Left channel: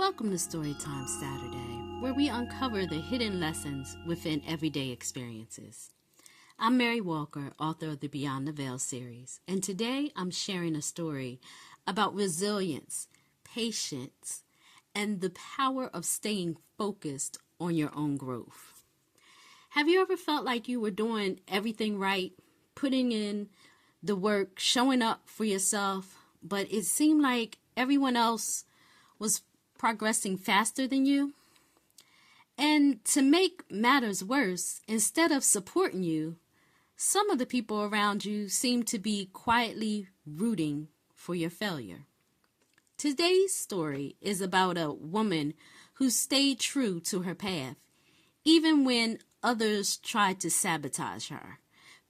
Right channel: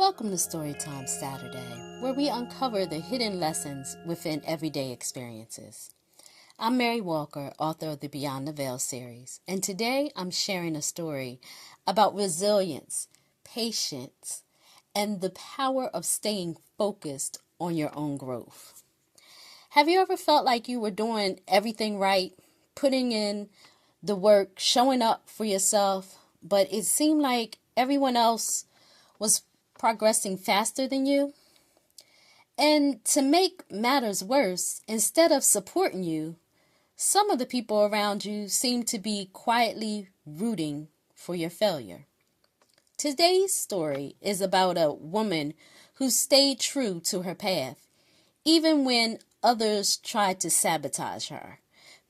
Welcome to Storytime Saturday, where we uncover the hidden lessons within everyday experiences. I'm Mary Walker, author of the Beyond the Veil series, and today I'm sharing a story about resilience, patience, and the power of staying focused on your own growth. Have you ever felt like you were doing everything right, putting in the work, showing up for yourself, but it seemed like everyone else was progressing faster than you? And to make matters worse, instead of supporting you, some of the people around you seem to be quietly rooting for your failure. Today's story is about a woman who stayed true to her path, even when others tried to sabotage her.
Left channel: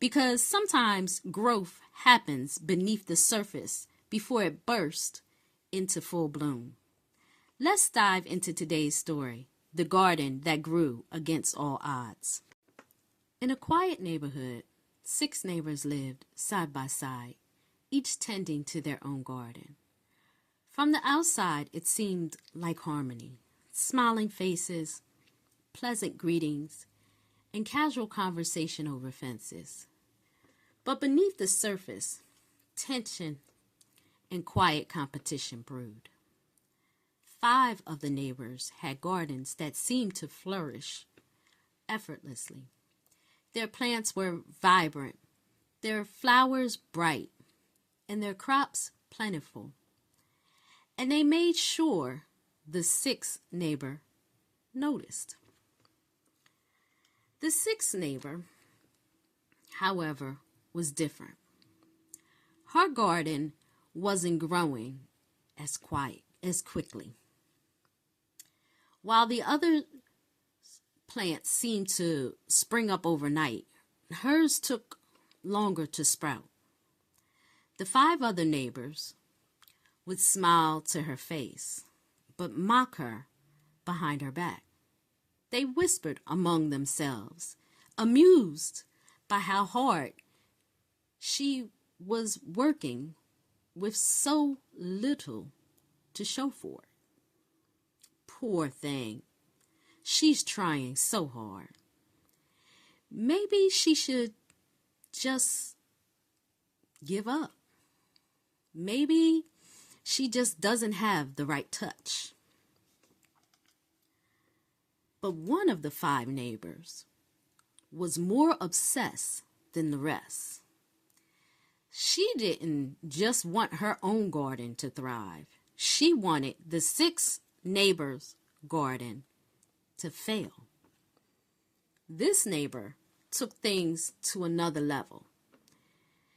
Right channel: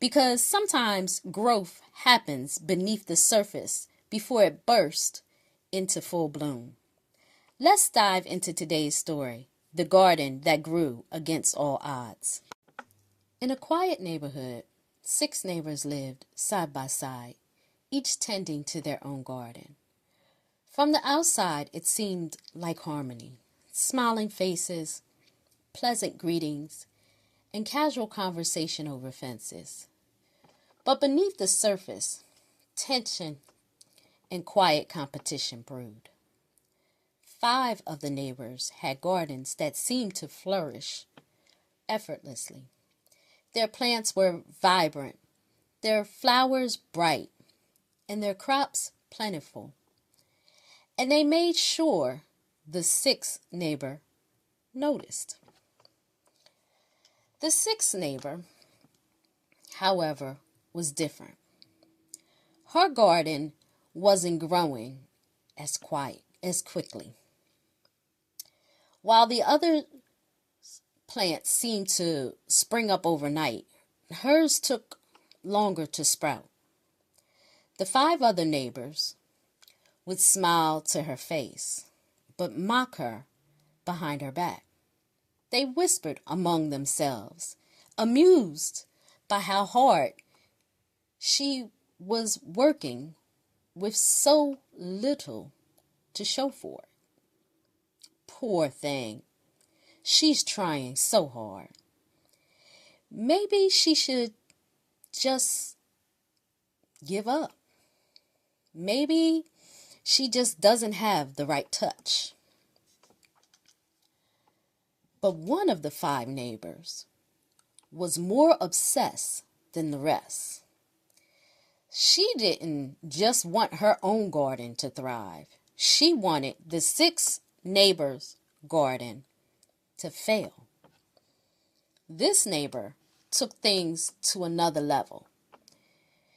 Because sometimes growth happens beneath the surface before it bursts into full bloom. Let's dive into today's story, The Garden That Grew Against All Odds. In a quiet neighborhood, 6 neighbors lived side by side, each tending to their own garden. From the outside, it seemed like harmony, smiling faces, pleasant greetings, and casual conversation over fences. But beneath the surface, tension and quiet competition brewed. 5 of the neighbors had gardens that seemed to flourish effortlessly. Their plants were vibrant, their flowers bright, and their crops plentiful. And they made sure the 6th neighbor noticed. The 6th neighbor, however, was different. Her garden wasn't growing as quickly. While the other plants seemed to spring up overnight, hers took longer to sprout. The 5 other neighbors would smile to her face, but mock her behind her back. They whispered among themselves, amused by how hard she was working with so little to show for it. Poor thing. She's trying so hard. Maybe she should just give up. Maybe she just doesn't have the right touch. But one of the 5 neighbors was more obsessed than the rest. She didn't just want her own garden to thrive. She wanted the 6th neighbor's garden to fail. This neighbor took things to another level.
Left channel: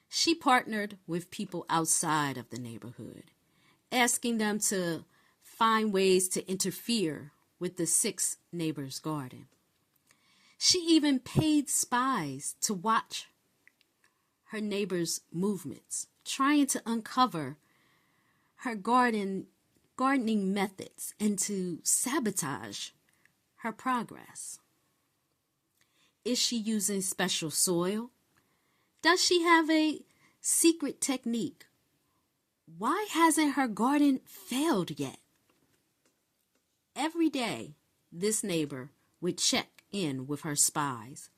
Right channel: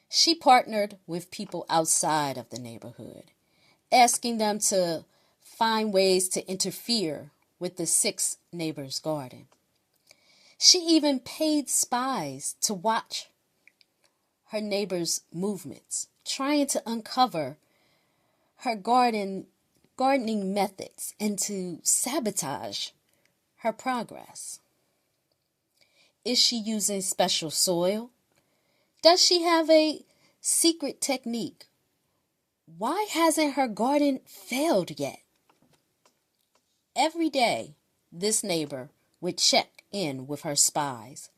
She partnered with people outside of the neighborhood, asking them to find ways to interfere with the 6th neighbor's garden. She even paid spies to watch her neighbor's movements, trying to uncover her gardening methods and to sabotage her progress. Is she using special soil? Does she have a secret technique? Why hasn't her garden failed yet? Every day, this neighbor would check in with her spies,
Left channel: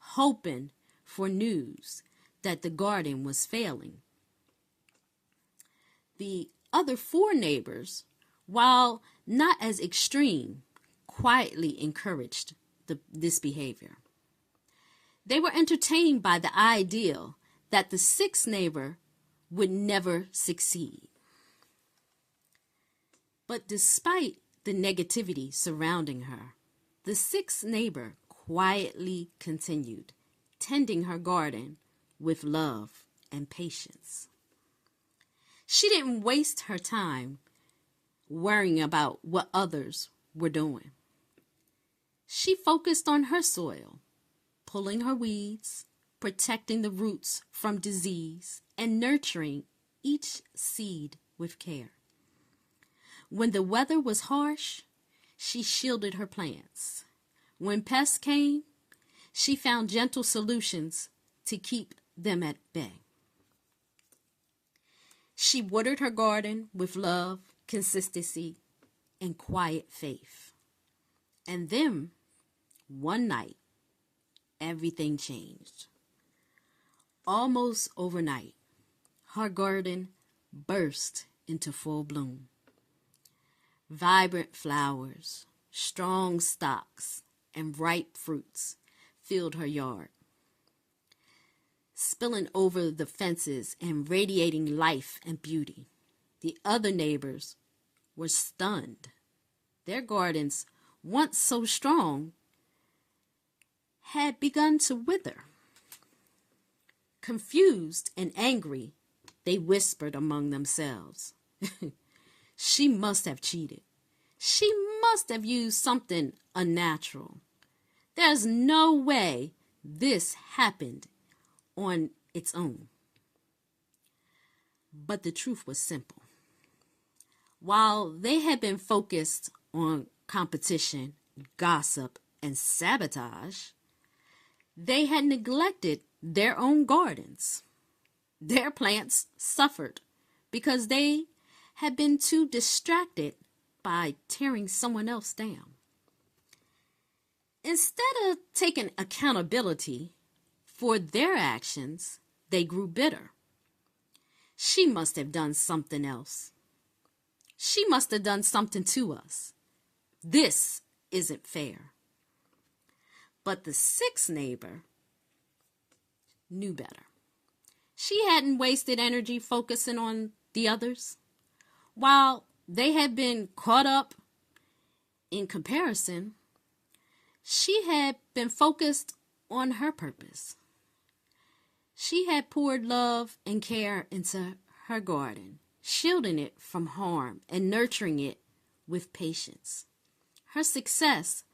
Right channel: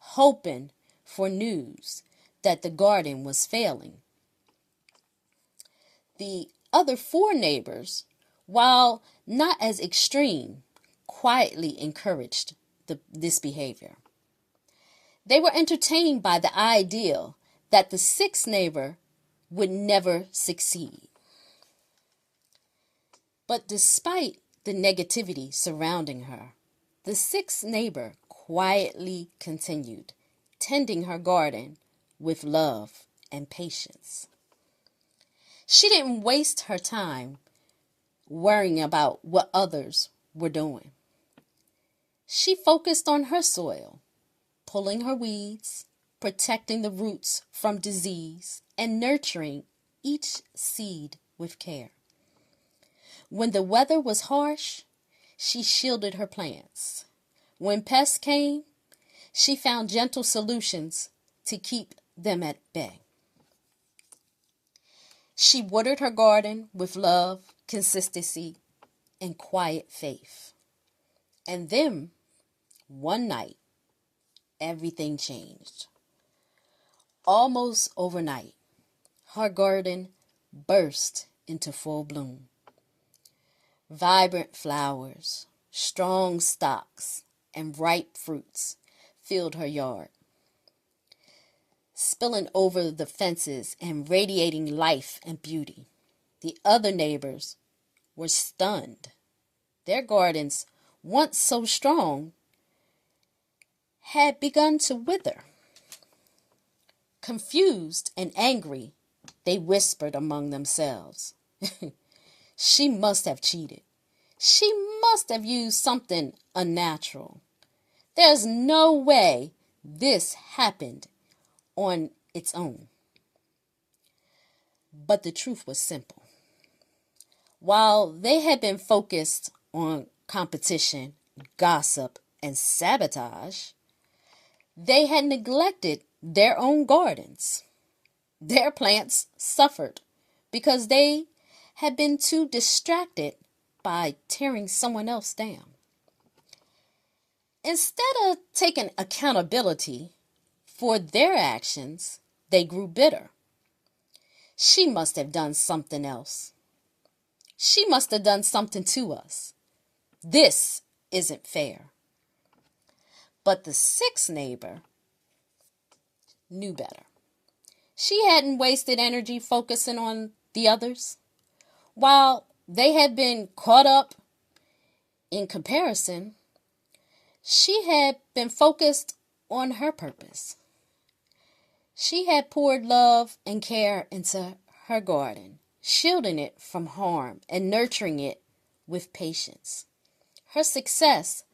hoping for news that the garden was failing. The other 4 neighbors, while not as extreme, quietly encouraged this behavior. They were entertained by the idea that the 6th neighbor would never succeed. But despite the negativity surrounding her, the 6th neighbor quietly continued, tending her garden with love and patience. She didn't waste her time worrying about what others were doing. She focused on her soil, pulling her weeds, protecting the roots from disease, and nurturing each seed with care. When the weather was harsh, she shielded her plants. When pests came, she found gentle solutions to keep them at bay. She watered her garden with love, consistency, and quiet faith. And then, one night, everything changed. Almost overnight, her garden burst into full bloom. Vibrant flowers, strong stalks, and ripe fruits filled her yard, spilling over the fences and radiating life and beauty. The other neighbors were stunned. Their gardens, once so strong, had begun to wither. Confused and angry, they whispered among themselves. She must have cheated. She must have used something unnatural. There's no way this happened on its own. But the truth was simple. While they had been focused on competition, gossip, and sabotage, they had neglected their own gardens. Their plants suffered because they had been too distracted by tearing someone else down. Instead of taking accountability for their actions, they grew bitter. She must have done something else. She must have done something to us. This isn't fair. But the sixth neighbor knew better. She hadn't wasted energy focusing on the others. While they had been caught up in comparison, she had been focused on her purpose. She had poured love and care into her garden, shielding it from harm and nurturing it with patience. Her success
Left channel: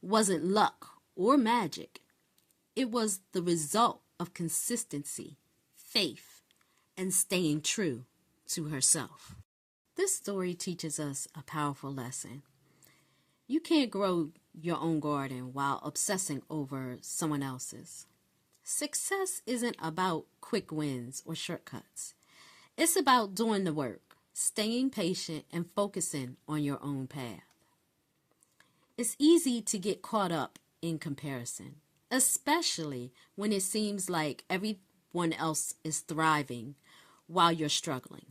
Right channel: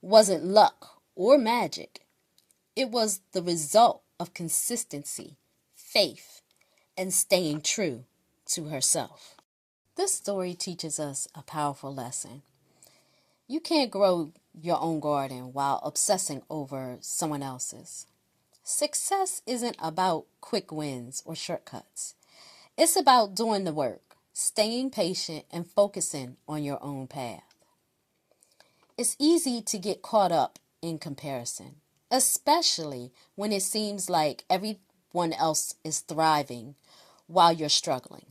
wasn't luck or magic. It was the result of consistency, faith, and staying true to herself. This story teaches us a powerful lesson. You can't grow your own garden while obsessing over someone else's. Success isn't about quick wins or shortcuts. It's about doing the work, staying patient, and focusing on your own path. It's easy to get caught up in comparison, especially when it seems like everyone else is thriving while you're struggling.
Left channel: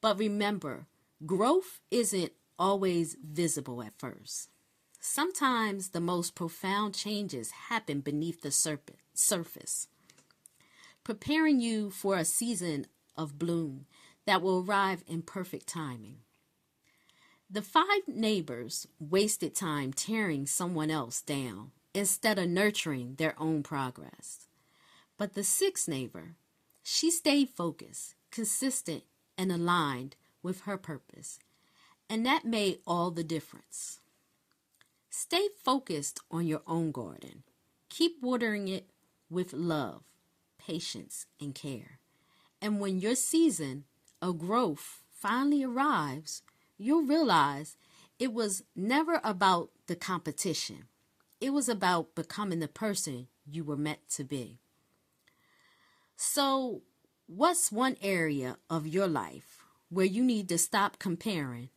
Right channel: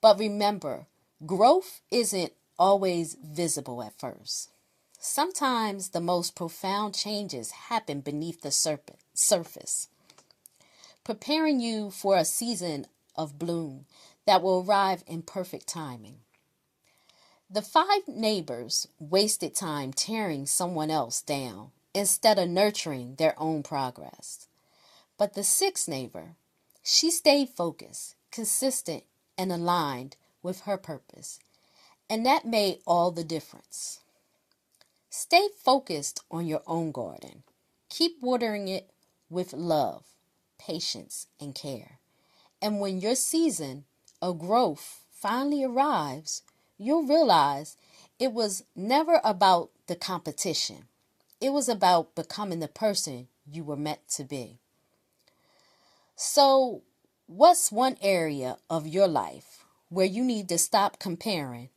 But remember, growth isn't always visible at first. Sometimes the most profound changes happen beneath the surface, preparing you for a season of bloom that will arrive in perfect timing. The five neighbors wasted time tearing someone else down instead of nurturing their own progress. But the sixth neighbor, she stayed focused, consistent, and aligned with her purpose. And that made all the difference. Stay focused on your own garden. Keep watering it with love, patience, and care. And when your season of growth finally arrives, you'll realize it was never about the competition. It was about becoming the person you were meant to be. So, what's one area of your life where you need to stop comparing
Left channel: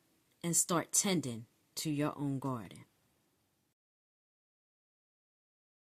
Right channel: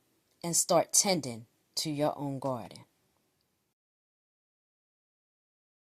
and start tending to your own garden?